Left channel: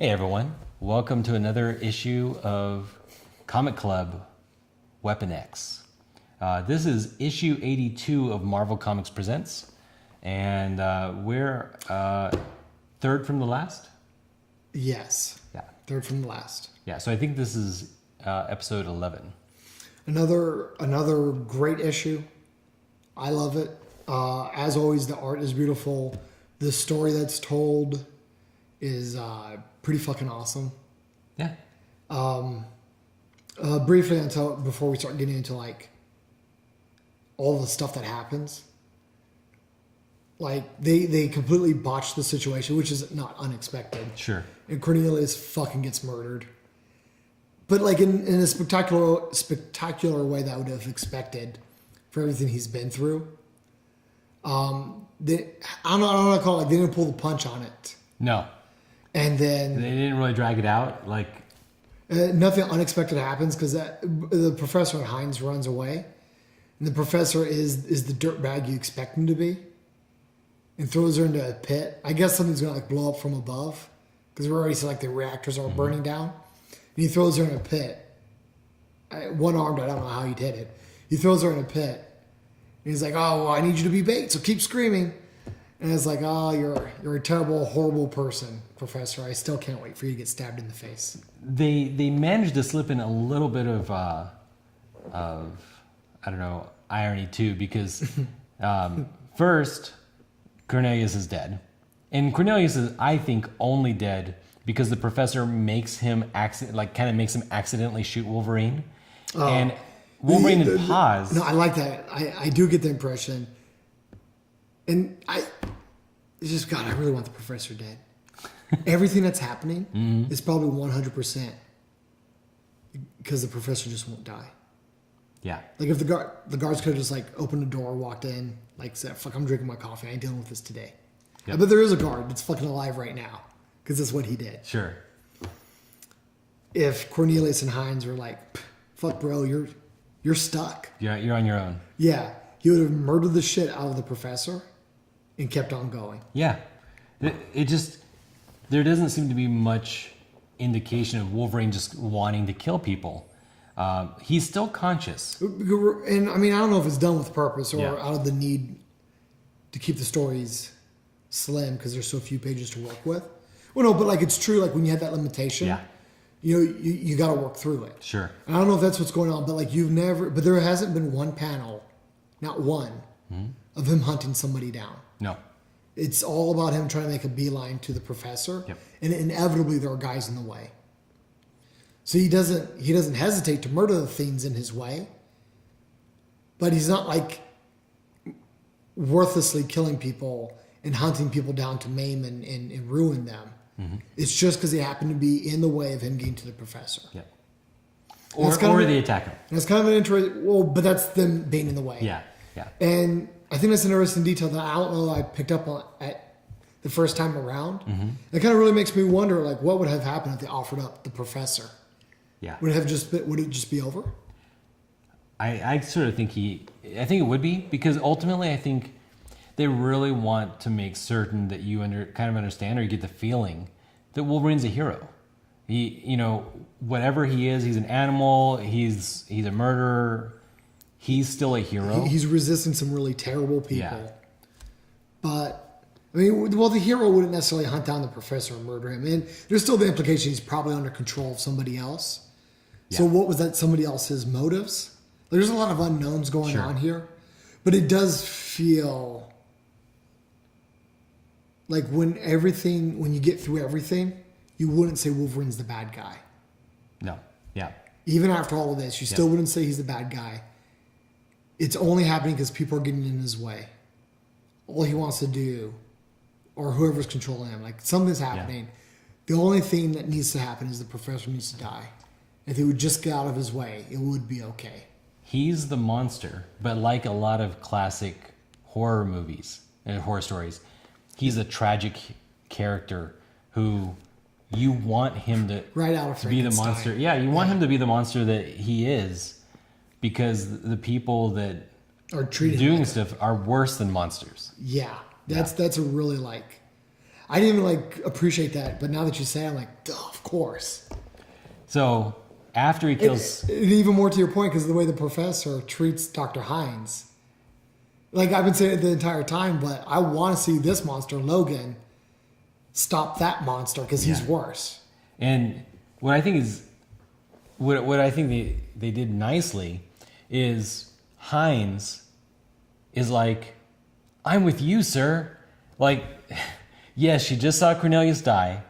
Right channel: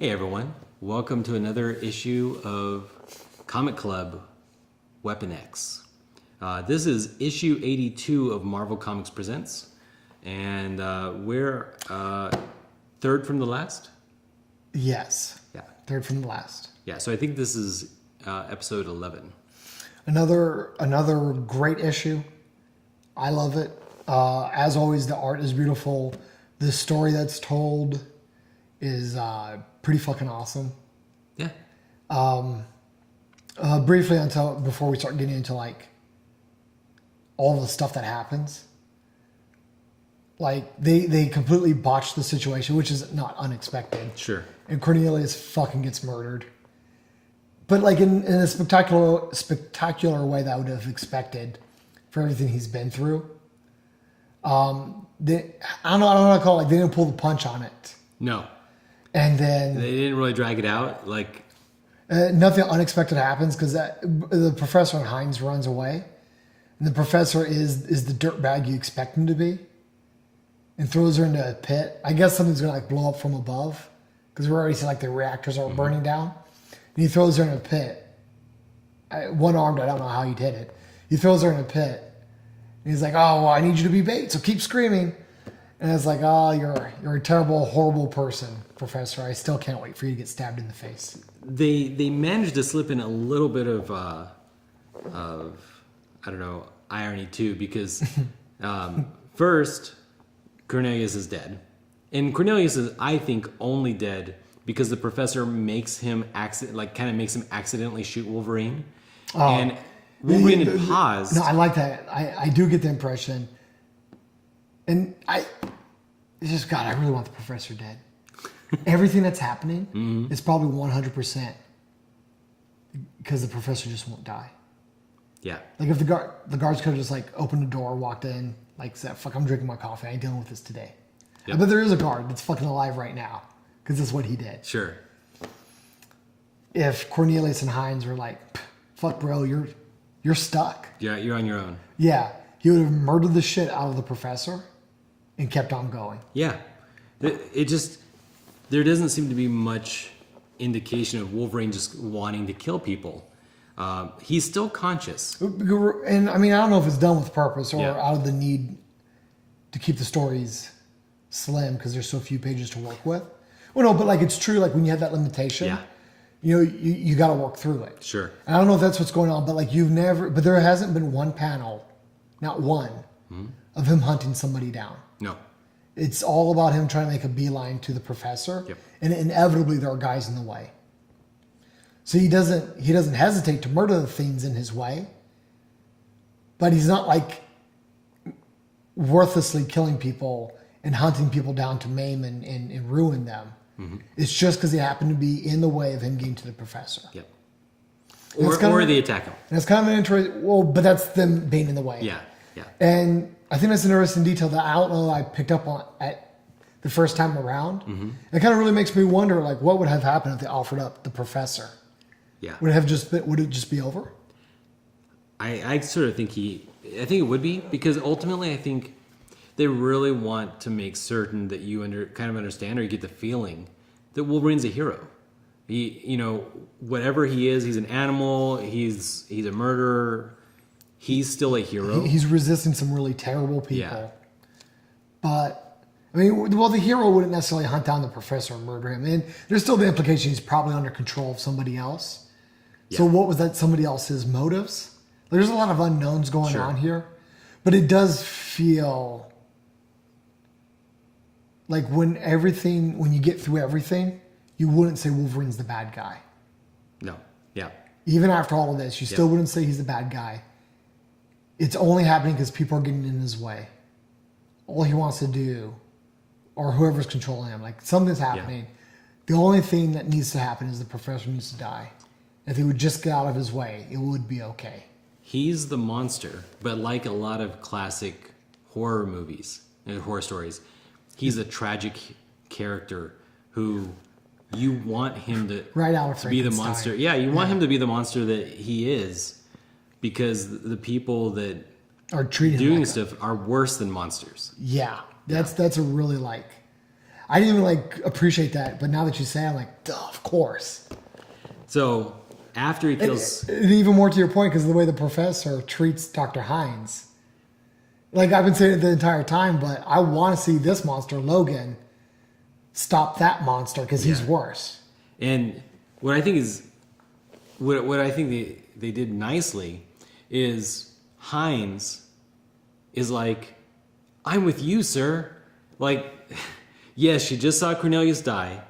Hey everyone, welcome to another issue of Comic Club Weapon X. This is issue 82 of Marvel Comics Presents, and we're third from the last? Yes. Yeah. Third from the last. Yeah, so I think this is episode 11. Another great issue. I love it. As always, the art is beautiful. The story that's told is pretty fucking awesome. Yeah. Briefly, before we start getting into like all the stuff that happens, like they completely botched the situation, which is not unexpected. Sure. And Cornelius fucking gets murdered, but like in a spectacular way that I would have expected for everything he's been through. I don't know what to call it. Like they didn't pull the punch on it. No. And then They didn't really drag it out. Like, nothing unexpected happens because the professor and Hines runs away, and the professor is the dirtbag you expect him to be, and throws her into a pit. I guess something's gonna like blow up from above because we already see like the reactors are burning down, and he throws her in a pit. One armed, I don't know how he did it. He throws her in a pit. And he's like, "Oh, well, I need you to be bait, so keep screaming." And it's like, "Oh, you're a terrible, horrible person, Professor. I still can't wait for you to get stabbed in the face." they managed to slip in a little bit of I don't know, irony too, because first Cornelius is dead, and Cornelius is, I think, only dead because the professor makes him accidentally shoot Wolverine, and Wolverine had paused. No, I like that. I do get the impression, and it's just, God, I really want the professor dead. Everything that's happening is probably 100% because the professor just won't die. Yeah. Like if the guards could have just like opened the door, walked in, like said, "Fuck, I'm drinking my coffee. I ain't dealing with this today." Yep. But there is a guard that's fucking alive right now because that's what he did. Sure. If Cornelius and Hines were like, "Fuck, bro, you're stuck." You're on your own. Yeah, he would have murdered the shit out of the professor and kept on going. Yeah. It just, there doesn't seem to be much indication of Wolverine just wanting to kill people. He's still conscious. And I mean, I don't know if it's done with purpose or Yeah. out of the need to keep the stories slim because there's so few pages to work with. Well, no, but like it's true. Like when you have that limitation, Yeah. you know, you got to work through it. Sure. And I don't know if that's what's going on, but like but there hasn't been one panel, not one, of him hunting somebody down. No. It's all about him trying to make a beeline to the professor, Yep. and inevitably there are guys in the way. So he doesn't hesitate to murder the things in his way, but he's not like worthlessly killing people and hunting people down to maim and ruin them. It's just because they happen to be in the way of him getting to the professor. Yep. And Or they attack him. And it's kind of an interesting, but that's them being in the way. Yeah. Yeah. And I think that's an interesting detail that I don't know I picked up on at the first time around. It kind of really makes me wonder, like, what would have happened if they offered up the professor? Yeah. Would it just be over? I sort of think I think it would be, because ultimately I think they really want to make certain that you kind of understand, or you get the feeling that Wolverine's a hero. He, whatever he is, he's an animal, he's a murderer, he's still a hero. He's resisting some really terrible people. Yeah. But, I mean, well, the hero wouldn't necessarily hunt down the professor and murder him. And there's still the implication he's probably under control of somebody else. Yeah. So what was that somebody else's motives? There's a lot of unknowns going on here. But it does feel like when you get through everything, you wouldn't say Wolverine's the bad guy. No. Yeah. Even after all of this, you still wouldn't say he's the bad guy. It's only happening because people are getting in his way. All he wants to do, or whoever's controlling him, like something's happening. The only thing that needs to happen is the professor needs to die. If he would just get out of his way, it would be okay. He's the monster, but like a lot of classic horror movies and horror stories, he's a tragic character who you want him to be the monster. Yeah, you want him to be the monster that he is, because the people that are treating doing stuff are worse than monsters. Yeah, that's a really like. I didn't even like appreciate that, but now that you say, it, I'm like, duh, of course. So after he kills, And even more to your point, because the way the professor treats Dr. Hines, like I've been saying it the entire time, but I want to see this monster, Logan, stop that monster because he's worse. and what I think is, what I think they did nicely is Hines is like, I'm with you, sir. Like, yes, she just saw Cornelius die.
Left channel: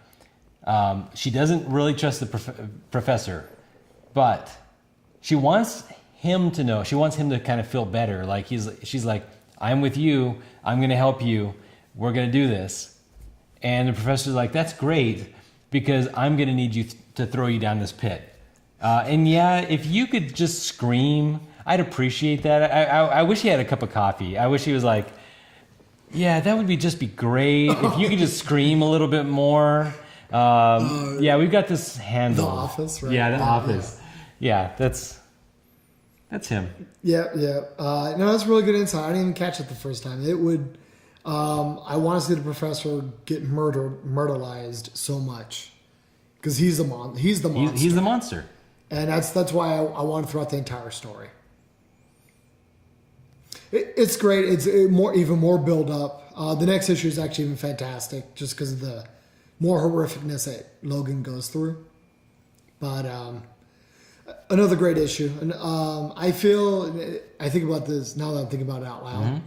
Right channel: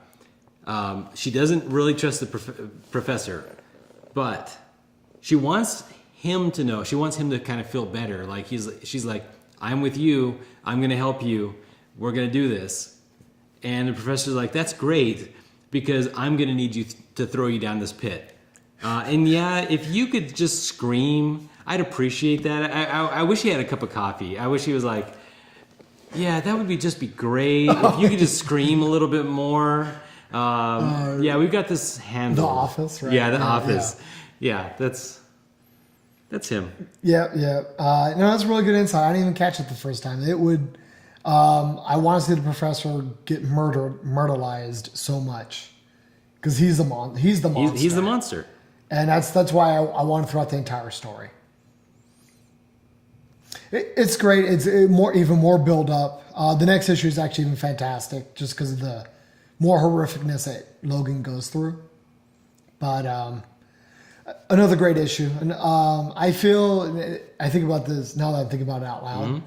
She doesn't really trust the professor, but she wants him to know. She wants him to kind of feel better. Like she's like, I'm with you. I'm going to help you. We're going to do this. And the professor's like, that's great because I'm going to need you to throw you down this pit. And yeah, if you could just scream, I'd appreciate that. I wish he had a cup of coffee. I wish he was like, yeah, that would just be great. If you could just scream a little bit more. Yeah, we've got this handle. The Office, right? Yeah, The Office. Yeah, that's him. Yep. No, that's really good insight. I didn't even catch it the first time. It would. I want to see the professor get murderized so much because he's the monster. He's the monster, and that's why I want to throw out the entire story. It's great. It's even more build up. The next issue is actually even fantastic, just because of the more horrificness that Logan goes through. But another great issue, and I think about this now that I'm thinking about it out loud. Mm-hmm.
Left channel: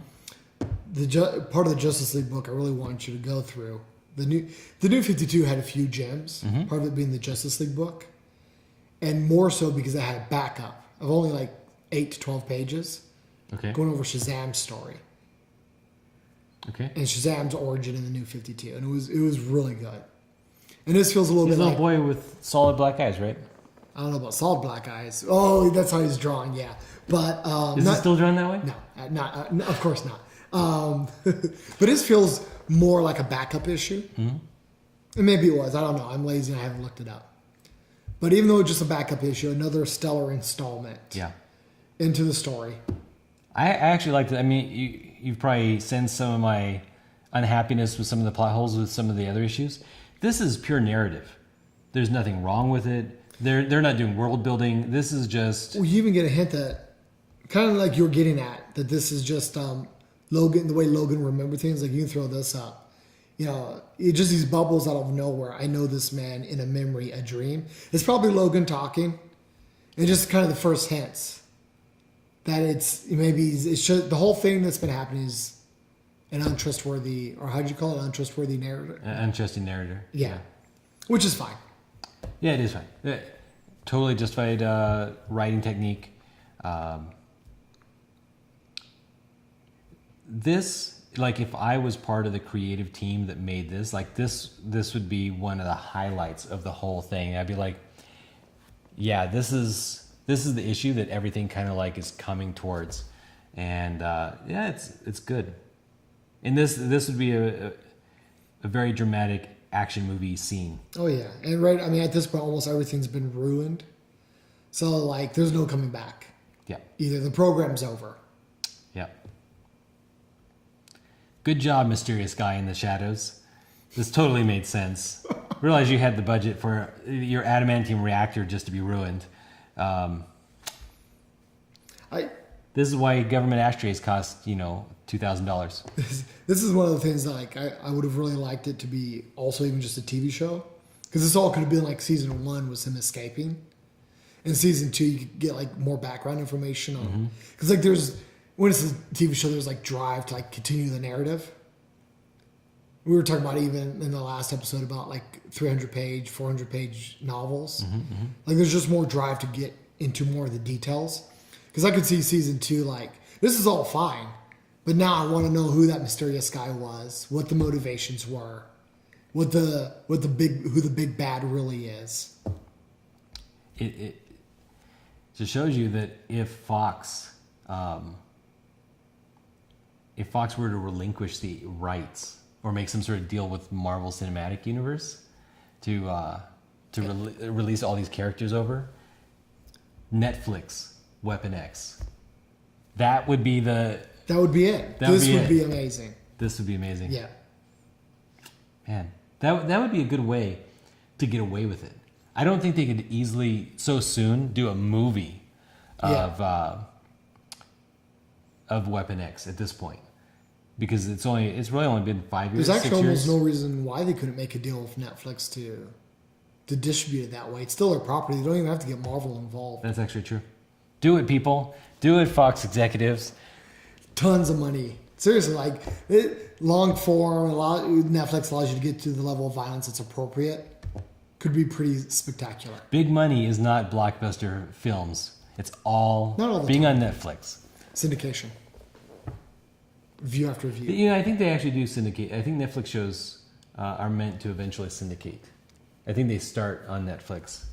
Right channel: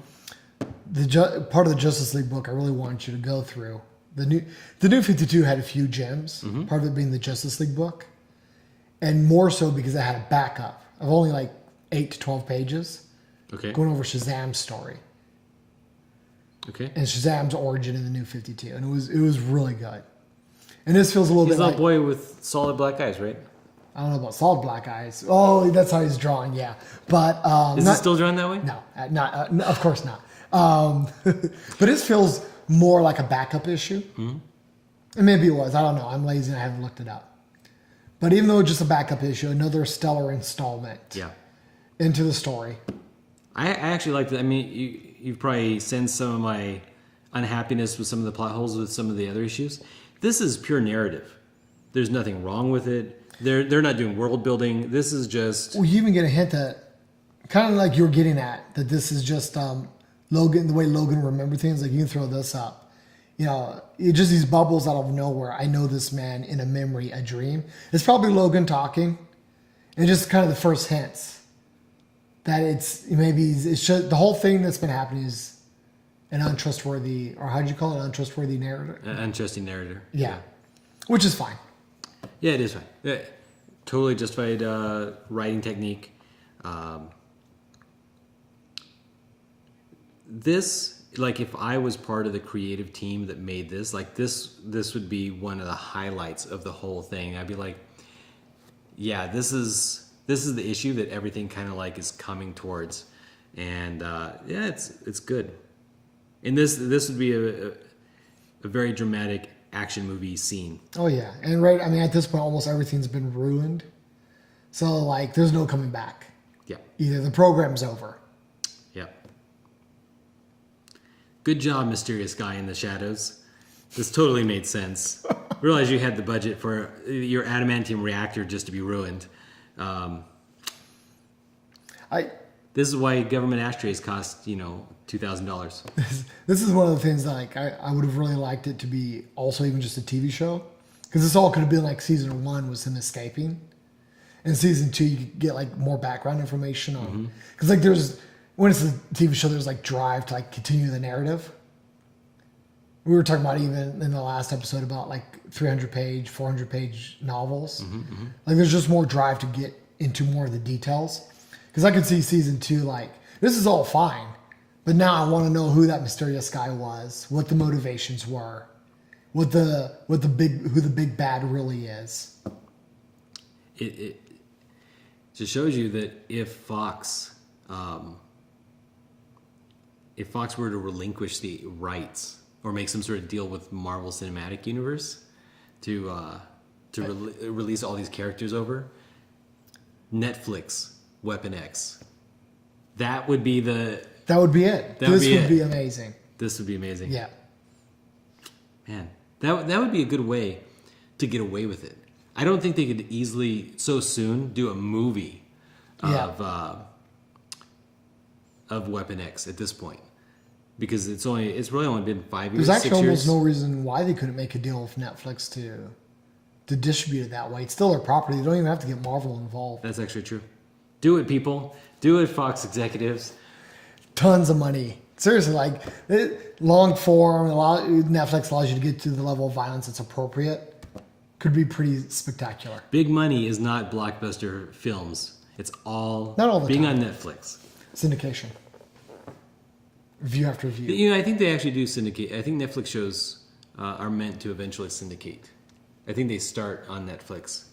Part of the Justice League book I really want you to go through. The new 52 had a few gems. Mm-hmm. Part of it being the Justice League book, and more so because it had a backup of only like 8 to 12 pages. Okay. Going over Shazam's story. Okay. And Shazam's origin in the new 52, and it was really good. And this feels a little bit like a boy with solid black eyes, right? I don't know about solid black eyes. Oh, that's how he's drawn, yeah. But is it still drawn that way? No, not of course not. But it feels more like a backup issue. Mm-hmm. And maybe it was. I don't know. I'm lazy and I haven't looked it up. But even though it's just a backup issue, another stellar installment. Yeah. Into the story. I actually liked it. I mean, you've probably sensed some of my unhappiness with some of the plot holes with some of the other issues. This is pure narrative. There's nothing wrong with it. They're not doing world building. This is just. Well, you even get a hint that, kind of like you were getting at, that this is just Logan. The way Logan remembered things. Like you can throw this up. You know, it's just these bubbles out of nowhere. I know this man in a memory, a dream. It's probably Logan talking, and just kind of the first hints. That the whole thing that's been happening is an untrustworthy, or how'd you call it, untrustworthy narrator? Untrusting narrator. Yeah. Which is fine. Yeah, it is fine. Totally justified writing technique. This, like, if I was part of the creative team that made this, like this would be one of the highlights of the whole thing. I'd be like, yeah, this is the issue that everything kind of like is coming towards, and yeah, it's good. And this would be a very dramatic action movie scene. Oh yeah, and right. I mean, at this point, almost everything's been ruined, so like, there's no coming back. Yeah. Either the program's over. Yeah. Good job, mysterious guy in the shadows. This totally made sense. Realize you had the budget for your adamantium reactor just to be ruined. This is why government ashtrays cost, $2,000. This is one of the things that, like, I would have really liked it to be also even just a TV show, because this all could have been like season 1 was him escaping, and season 2 you could get like more background information on, because like when it's a TV show, there's like drive to like continue the narrative. We were talking about even in the last episode about like 300-page, 400-page novels. Like there's just more drive to get into more of the details. Because I could see season 2 like, this is all fine, but now I want to know who that mysterious guy was, what the motivations were, who the big bad really is. It just shows you that if Fox were to relinquish the rights or make some sort of deal with Marvel Cinematic Universe to release all these characters over, Netflix, Weapon X, that would be it. This would be amazing. This would be amazing. Yeah. Man, that would be a good way to get away with it. I don't think they could easily so soon do a movie of Weapon X at this point, because it's really only been 5 years. There's actually 6 years. almost no reason why they couldn't make a deal with Netflix to distribute it that way. It's still their property. They don't even have to get Marvel involved. That's actually true. Do it, people. Do it, Fox executives. Tons of money. Seriously, like long form. Netflix allows you to get to the level of violence that's appropriate. Could be pretty spectacular. Big money is not blockbuster films. It's all, Not all the being time. on Netflix. Syndication. View after view. You know, I think they actually do syndicate. I think Netflix shows are meant to eventually syndicate. I think they start on Netflix,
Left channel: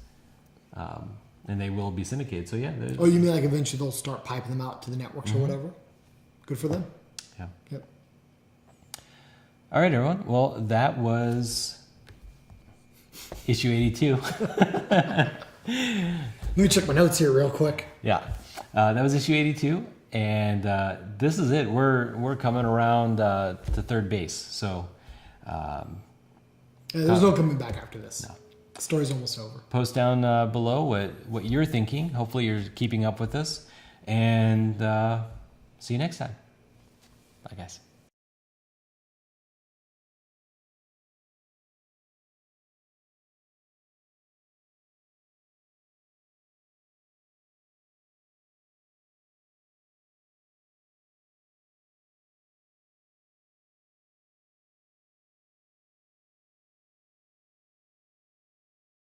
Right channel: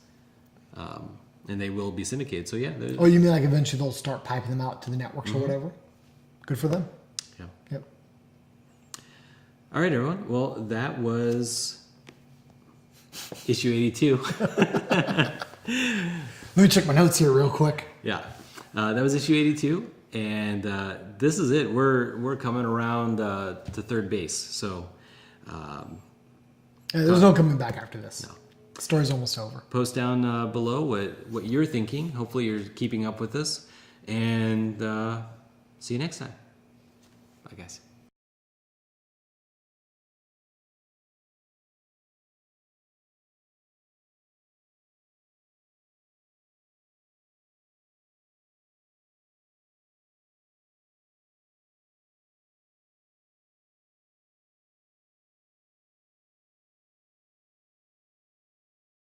and they will be syndicated. So yeah. Oh, you mean like eventually they'll start piping them out to the networks or whatever? Good for them. Yeah. Yep. All right, everyone. Well, that was issue 82. Let me check my notes here real quick. Yeah, that was issue 82, and this is it. We're coming around to third base. So There's no coming back after this. No. The story's almost over. post down below what you're thinking. Hopefully, you're keeping up with us, and see you next time. Bye, guys.